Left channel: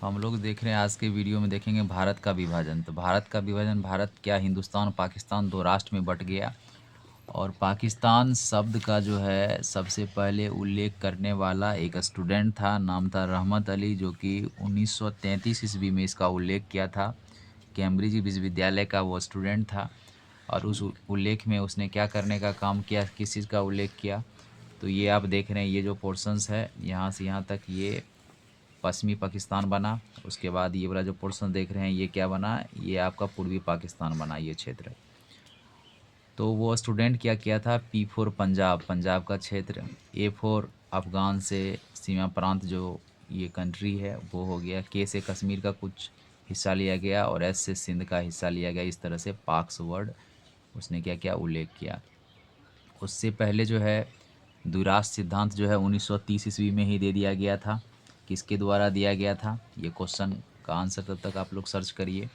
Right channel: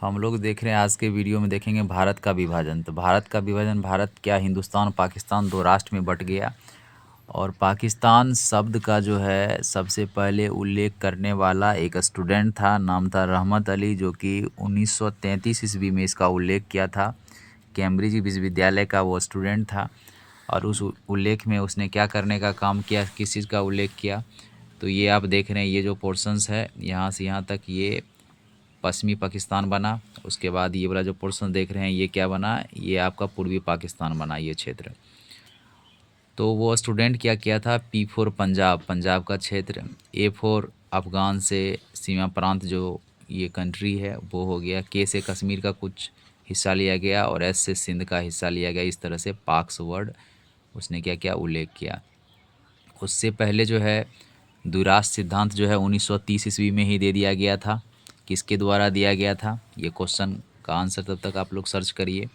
हम लोग देख रहे हैं आज के वीडियो में देखेंगे भारत का विभाजन। तो भारत का विभाजन, भारत क्या हिंदुस्तान पाकिस्तान दो राष्ट्र में बट गया। और पाकिस्तान शब्द का जो है सबसे पहले उल्लेख करने वाला एक स्टूडेंट था, नाम था रहमत अली, जो कि 1933 ईस्वी में इसका उल्लेख किया था। कैम्ब्रिज विश्वविद्यालय का वो स्टूडेंट था। और उस उल्लेख में उसने क्या करने का काम किया, किस चीज़ का उल्लेख किया, तो ये आप देख रहे हैं। ये जो पोर्शंस है यहाँ से यहाँ तक, ये पश्चिमी पाकिस्तान बना। उसके बाद ये वाला जो पोर्शन देख रहे हैं ये क्या बना, ये आपका पूर्वी पाकिस्तान बना, ये क्षेत्र। तो वो स्टूडेंट क्या किया था, P4 पंजाब, पंजाब का क्षेत्र, A4 अफ़गान से सीमा प्रांत जो ये कंट्री है वो हो गया, K से कश्मीर का कुछ हिस्सा लिया गया और S से सिंध का हिस्सा लिया गया। इस तरह से पाक्स वर्ड उसने क्या क्या उल्लेख किया। उससे पहले जो है द्विराष्ट्र सिद्धांत जो है 1930 ईस्वी में ही दे दिया गया था। किसके द्वारा दिया गया था, ये क्वेश्चन का आंसर तब तक आप लोग सर्च करिए।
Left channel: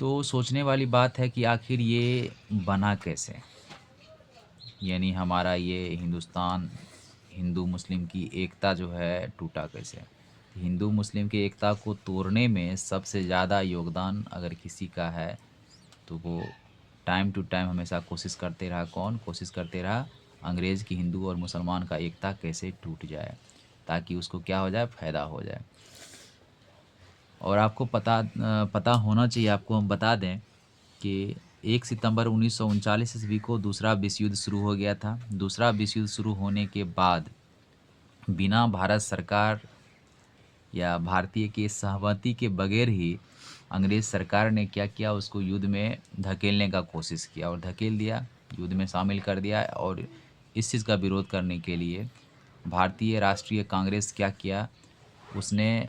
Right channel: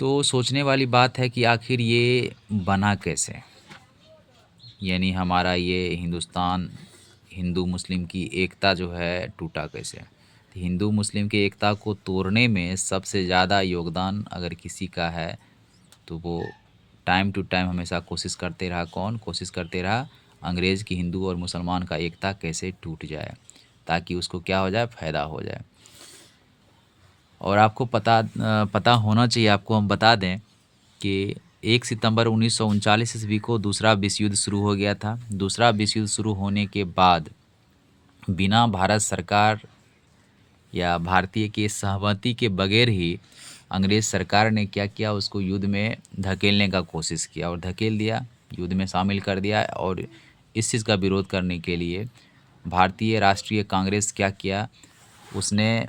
तो सोचने वाली बात है कि आखिर ये बना कैसे, यानी हमारा ये हिंदुस्तान, हिंदू मुस्लिम की एकता जो है टूटा कैसे। हिंदू मुस्लिम की एकता को तोड़ने में सबसे ज़्यादा योगदान अगर किसी का है तो वो टाइम टू टाइम हमेशा कोशिश करते रहा। कौन कोशिश करते रहा, अंग्रेज़ की हिंदू और मुसलमान का एकता कैसे टूट जाए, ताकि उसको क्या हो जाए, फ़ायदा हो जाए। और आपको पता होना चाहिए, आपको हम बता दें कि 1 सितंबर 1939 ईस्वी को दूसरा विश्व युद्ध शुरू हो गया था। दूसरा विश्व युद्ध शुरू होने के बाद बिना भारत सरकार या भारतीय की सहमति के बगैर ही अंग्रेज़ सरकार ने क्या किया, उसको युद्ध में धकेलने का कोशिश किया और धकेल दिया, युद्ध में शामिल कर दिया। और इस चीज़ का विरोध करने के लिए भारतीय राष्ट्रीय कांग्रेस क्या किया, उसने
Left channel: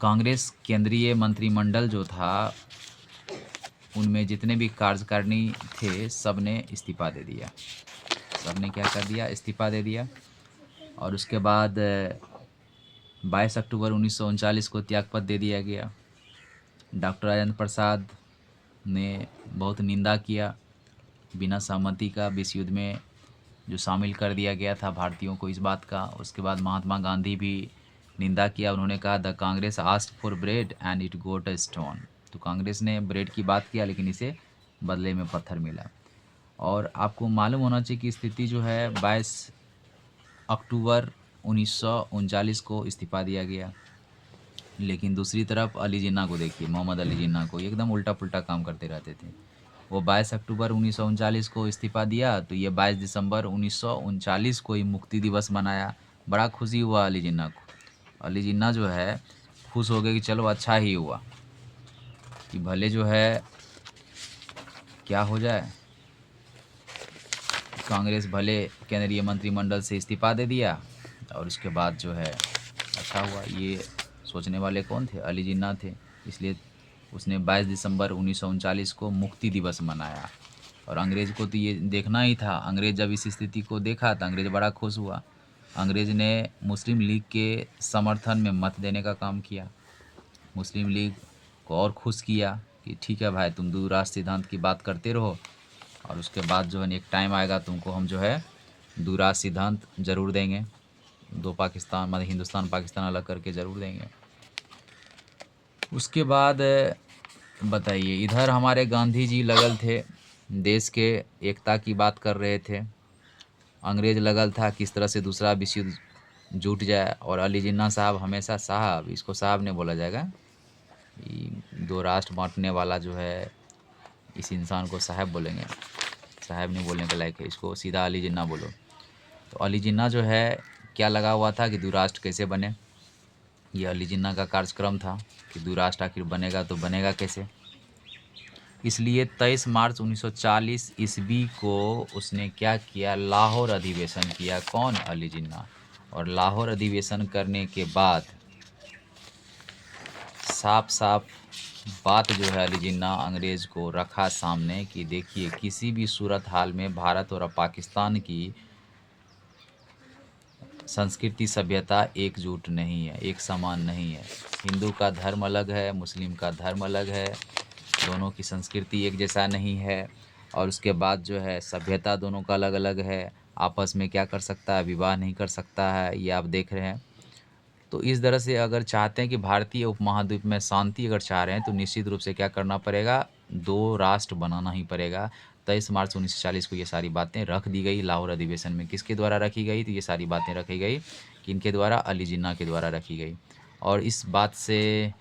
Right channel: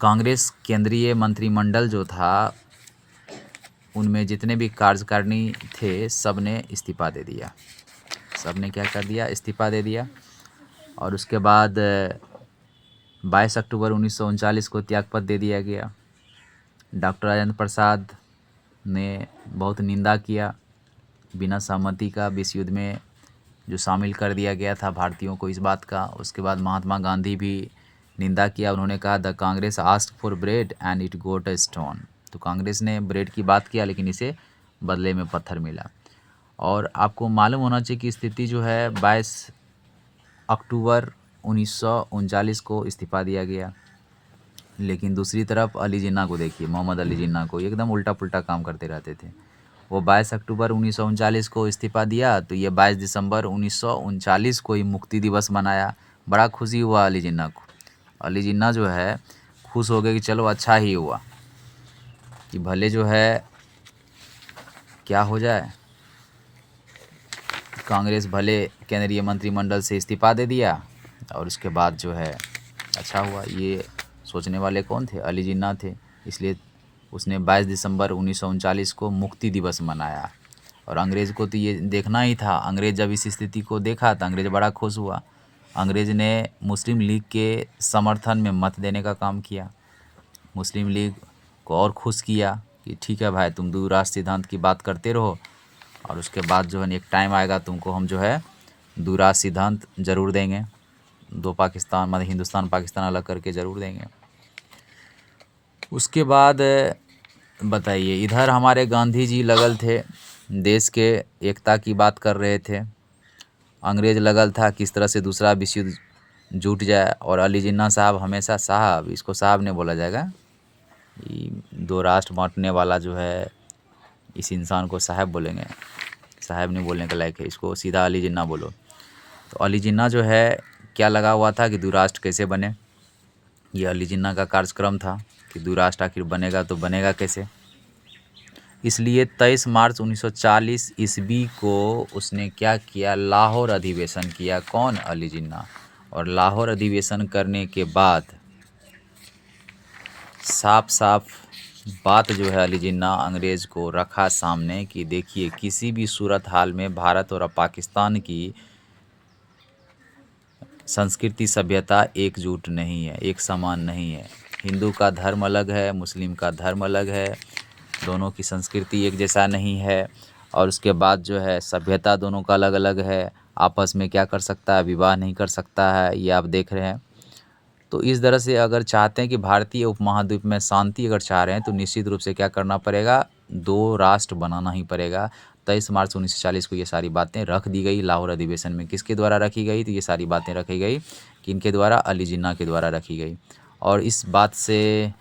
कांग्रेस केंद्रीय मंत्रिमंडल जो था उनमें जितने भी कार्यकारिणी थे सब ने इस्तीफ़ा दे दिया। सब ने क्या कर दिया, इस्तीफ़ा दे दिया। और उसके बाद 22 अक्टूबर 1939 को त्यागपत्र दे दिया गया। डॉक्टर राजेंद्र प्रसाद ने बहुत निंदा किया बिना सहमति का विश्व युद्ध में जो शामिल कर दिया गया था भारतीयों को, इस बात का। उसके बाद महात्मा गांधी भी निंदा किया। उन्होंने कहा the Congress asked for bread and it got a stone. तो कांग्रेस ने ब्रेड की बात किया लेकिन इसे बदले में पत्थर मिला। और आपको मालूम होना चाहिए कि स्थिति जो है 22 अक्टूबर 1939 को इस्तीफ़ा दिया गया। लेकिन दूसरी तरफ अली जिन्ना को देखिए, मोहम्मद अली जिन्ना को एकदम उल्टा पुल्टा काम करते रहते थे। वो 22 अक्टूबर 1939 को इस्तीफ़ा दिया तो ये 22 दिसंबर 1939 को ही मुक्ति दिवस मनाया। बड़ा खुशी हुआ अली जिन्ना को। अली जिन्ना जो है खुश हो गए कि चलो अच्छा ही हुआ कि भले जो है क्या हो जाए, कांग्रेस भले केंद्रीय मंत्रिमंडल से इस्तीफ़ा दे दिया और उसके बाद जो है अच्छा हुआ। ये सोचने वाले कौन थे, अली जिन्ना थे। इसलिए उसने 22 दिसंबर 1939 को मुक्ति दिवस मनाया। और अंग्रेज़ को तो ये देखना ही था। अंग्रेज़ जब इस स्थिति को देखा तो अंग्रेज़ बड़ा खुश हुआ। अंग्रेज़ ने मुस्लिम लीग के समर्थन में मत देने का काम किया। मुस्लिम लीग को और खुश किया कि ठीक है भाई, तुम द्विराष्ट्र सिद्धांत की बात करते रहो और उसके बाद जो है एक टाइम आएगा तुमको हम जो है द्विराष्ट्र सिद्धांत ज़रूर देंगे, दो पाकिस्तान मतलब हिंदुस्तान पाकिस्तान अलग करके ज़रूर देंगे। उसके बाद बताइए, इधर हमारे गांधी जी लगल थे, देश के एकता की बात कर रहे थे। अंग्रेज़ लगल था किस तरह से दूसरा विश्व युद्ध जुट जाए। और अली जिन्ना साहब हमेशा साहब, इसको साहब नहीं बोला जाएगा, ये दो राष्ट्र बांटने वाला जो है इस इंसान को साहब बोलेंगे, साहब नहीं बोलने के लायक है, इसको सीधा अली जिन्ना बोलो। तो अली जिन्ना जो है क्या लगा हुआ था कि द्विराष्ट्र कैसे बने। ये अली जिन्ना का कार्यक्रम था कि द्विराष्ट्र आखिर बनेगा तो बनेगा कैसे। इसलिए 23 मार्च 1940 ईस्वी को उसने क्या किया, लाहौर अधिवेशन किया। कौन, अली जिन्ना। और लाहौर अधिवेशन करने के बाद साफ साफ बात जो है अली जिन्ना अंग्रेज़ को रखा सामने कि देखिए किसी भी सूरत हाल में भारत और पाकिस्तान की संस्कृति सभ्यता एकजुट नहीं है, एक समान नहीं है। हिंदू का धर्म अलग है, मुस्लिम का धर्म अलग है, दोनों की संस्कृति एक जैसा नहीं है। और उसके बाद जो है सभ्यता दोनों का अलग अलग है। आपस में क्या कर सकता है, विवाह नहीं कर सकता है, ये आप देख रहे हैं। तो इस तरह से अगर चाहते हैं कि भारतीय उपमहाद्वीप में शांति अगर चाह रहे हैं तो निश्चित रूप से क्या करना पड़ेगा, 2 राष्ट्र बनाना ही पड़ेगा। 23 मार्च 1940 को ये सारी बातें रख दी गई लाहौर अधिवेशन में। किसके द्वारा रखी गई? तो ये सारी बातें रखी गई किनके द्वारा? अली जिन्ना के द्वारा रखी गई। और इस बात से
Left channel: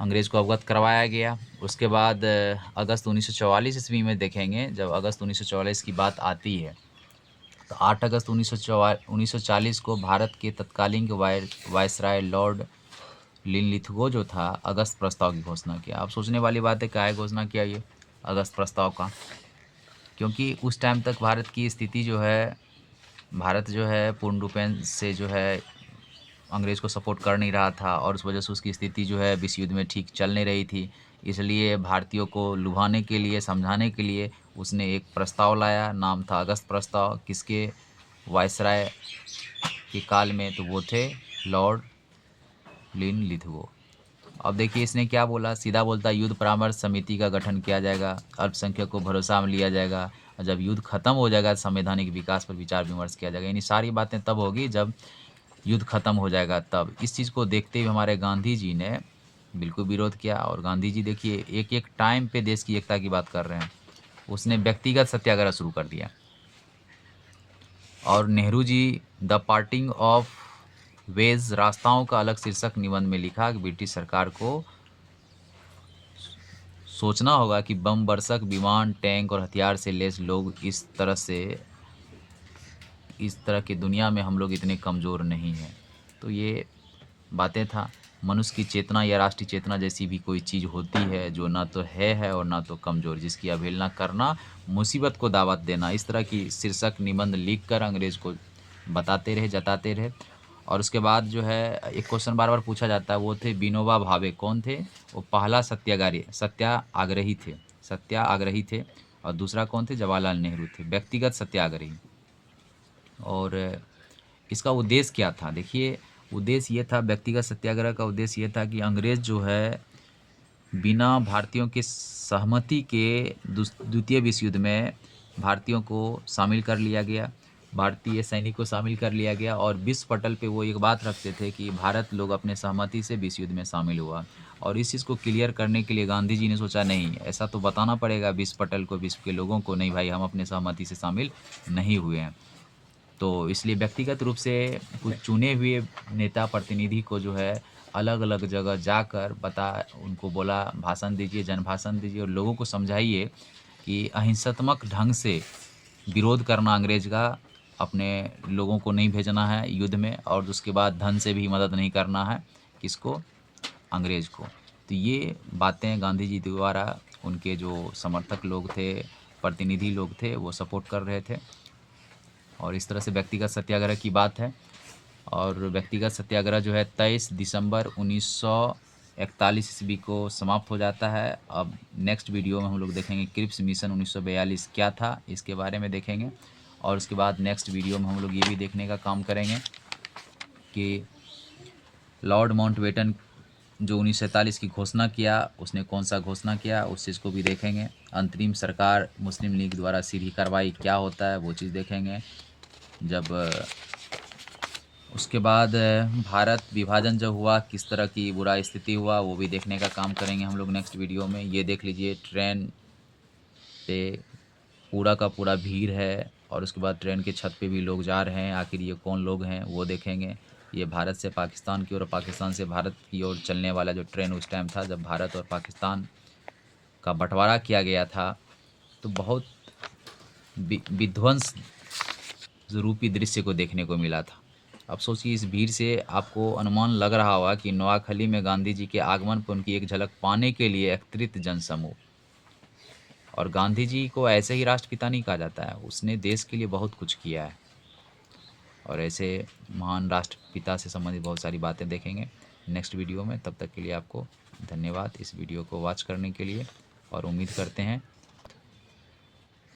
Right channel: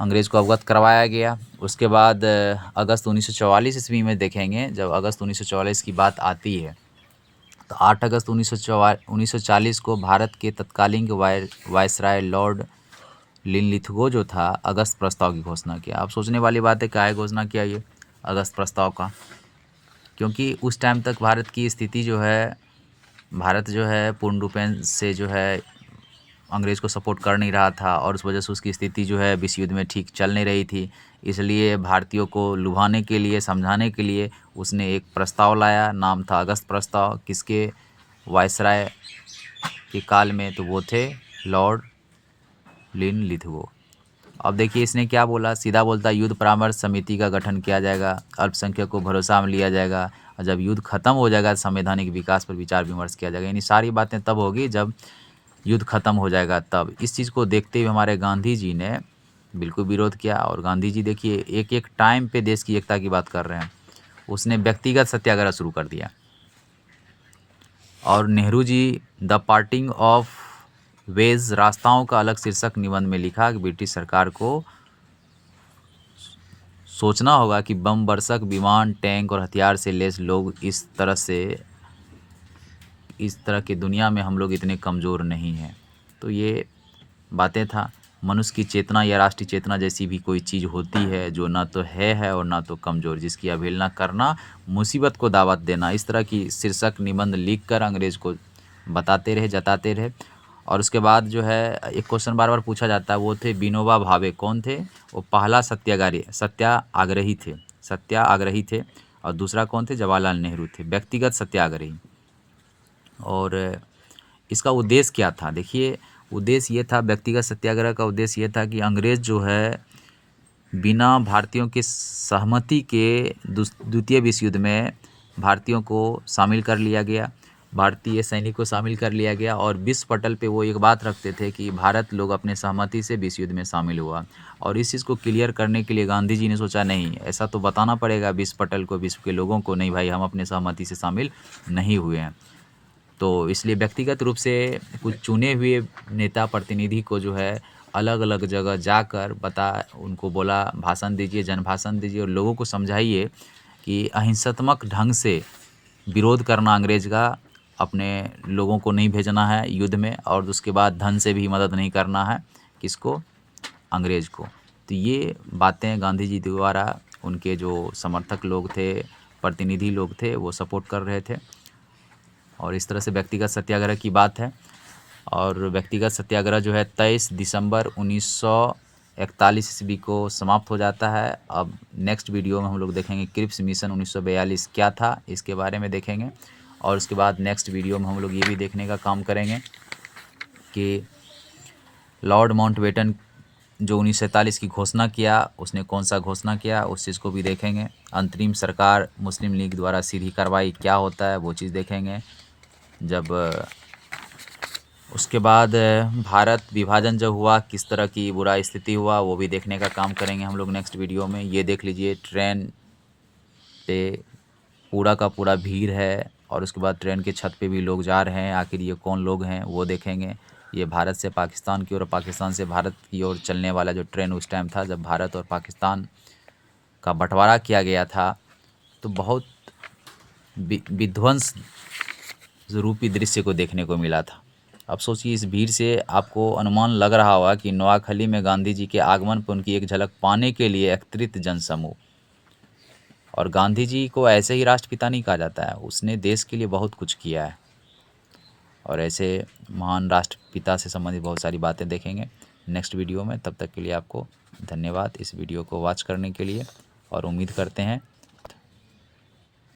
अंग्रेज़ को अवगत करवाया गया। उसके बाद अगस्त 1944 ईस्वी में देखेंगे, जब अगस्त 1944 की बात आती है तो 8 अगस्त 1940 को भारत के तत्कालीन वायसराय लॉर्ड लिनलिथगो जो था अगस्त प्रस्ताव की घोषणा किया। अब सोचने वाली बात है, क्या है घोषणा किया ये अगस्त प्रस्ताव का? क्योंकि उस टाइम तक भारत की स्थिति जो है, भारत जो है पूर्ण रूपेण से जो है अंग्रेज़ को सपोर्ट कर नहीं रहा था और उस वजह से उसकी स्थिति जो है विश्व युद्ध में ठीक चल नहीं रही थी। इसलिए भारतीयों को लुभाने के लिए, समझाने के लिए उसने एक प्रस्ताव लाया, नाम था अगस्त प्रस्ताव। किसके? वायसराय के काल में, तो वो थे लॉर्ड लिनलिथगो। अब देखिए इसने क्या बोला, सीधा बोलता युद्ध परामर्श समिति का गठन किया जाएगा, अल्पसंख्यक को भरोसा में लिया जाएगा, और जब युद्ध खत्म हो जाएगा संवैधानिक विकास पर विचार विमर्श किया जाएगा। यानी सारी बातें तब होगी जब युद्ध खत्म हो जाएगा तब। इस चीज़ को देखते हुए हमारे गांधी जी ने बिल्कुल विरोध किया। और गांधी जी देखिए एक एक टाइम पे देश की एकता की बात कर रहे हैं। उसने व्यक्तिगत सत्याग्रह शुरू कर दिया। और Nehru ji the parting of ways, रास्ताओं का अलग शीर्षक निबंध में लिखा कि ब्रिटिश सरकार को सोचना होगा कि बम वर्षक विमान, टैंक और हथियार से लैस लोग इस तरह की दुनिया में हम लोग इतने कमज़ोर नहीं हैं। तो ये बातें था। मनुष्य की चेतना या राष्ट्रीय चेतना जैसी भी कोई चीज़ होती है जो ना तो है और ना तो कमज़ोर, जिसकी अवहेलना करना मुसीबत को दावत देना। इस तरह की शीर्षक निबंध लिखकर अंग्रेज़ को बताते रहे, जताते रहे। और उसके बाद जो है एक क्वेश्चन बार बार पूछा जाता है, वो थे विनोबा भावे। कौन थे? वो पहला सत्याग्रही थे। और दूसरा कौन थे? जवाहरलाल नेहरू थे, व्यक्तिगत सत्याग्रही। और इसका उद्देश्य क्या था? देखिए उद्देश्य ये था, व्यक्तिगत सत्याग्रह का उद्देश्य ये था कि अंग्रेज़ जो है बिना भारतीयों के सहमति के द्वितीय विश्व युद्ध में भारतीयों को शामिल कर लिया गया, भारतीय सैनिक को शामिल कर लिया गया। और विश्व पटल पे वो एक बात रखते थे कि भारत लोग अपने सहमति से विश्व युद्ध में शामिल हुआ। और इस चीज़ को क्लियर करने के लिए गांधी जी ने सोचा नहीं, ऐसा तो बताना पड़ेगा विश्व पटल को, विश्व के लोगों को, नहीं भाई हम अपने सहमति से शामिल नहीं हुए हैं। तो इसलिए व्यक्तिगत रूप से कुछ चुने हुए नेता प्रतिनिधि को जो है अलग अलग जगह जाकर उनको बोला भाषण दीजिए, जनभाषण दीजिए और लोगों को समझाइए कि अहिंसात्मक ढंग से विरोध करना अंग्रेज का, अपने लोगों को नहीं भेजना है युद्ध में, और उसके बाद धन से भी मदद नहीं करना है। किसको? अंग्रेज को। तो ये बातें गांधी जी द्वारा उनके जो समर्थक लोग थे, प्रतिनिधि लोग थे, वो सपोर्ट कर रहे थे। और इस तरह से व्यक्तिगत सत्याग्रह की बात है। और व्यक्तिगत सत्याग्रह जो है 23 दिसंबर 1941 ईस्वी को समाप्त हो जाता है। अब नेक्स्ट वीडियो में हम लोग देखेंगे क्रिप्स मिशन 1942 क्या था, इसके बारे में देखेंगे। और उसके बाद नेक्स्ट वीडियो में हम लोग ये भी देखने का काम करेंगे कि लॉर्ड माउंटबेटन जो 1947 की घोषणा किया, उसने कौन सा घोषणा किया, उस चीज़ को भी देखेंगे। अंतरिम सरकार मुस्लिम लीग द्वारा सीधी कार्रवाई क्या होता है, वो चीज़ देखेंगे। जब उसके बाद भारत विभाजन जब हुआ, किस तरह की बुरा स्थिति हुआ, वो भी देखने का काम करेंगे हम लोग नेक्स्ट वीडियो में। ये देख लीजिए ट्रेन पे पूरा का पूरा भीड़ है, और उसके बाद ट्रेन के छत पे भी लोग जा रहे हैं। आखिर ये कौन लोग हैं वो देखेंगे। ये भारत से पाकिस्तान की ओर और पाकिस्तान से भारत की ओर चलने वाला जो ट्रेन उस टाइम था जब भारत और पाकिस्तान का बंटवारा किया गया था, तो बहुत विध्वंस रूपी दृश्य को देखने को मिला था। अब सोचिए इस भीड़ से आपको अनुमान लग रहा होगा कि नोआखली में गांधी जी के आगमन पर उनकी एक झलक पाने के लिए एकत्रित जनसमूह। और गांधी जी को ऐसे ही राष्ट्रपिता नहीं कहा जाता है, उसने देश के लिए बहुत कुछ किया है। और ऐसे महान राष्ट्रपिता से संबंधित बहुत सारी बातें देखेंगे नेक्स्ट वीडियो में। तब तक के लिए आपको धन्यवाद इस वीडियो को वॉच करने के लिए, और उम्मीद करते हैं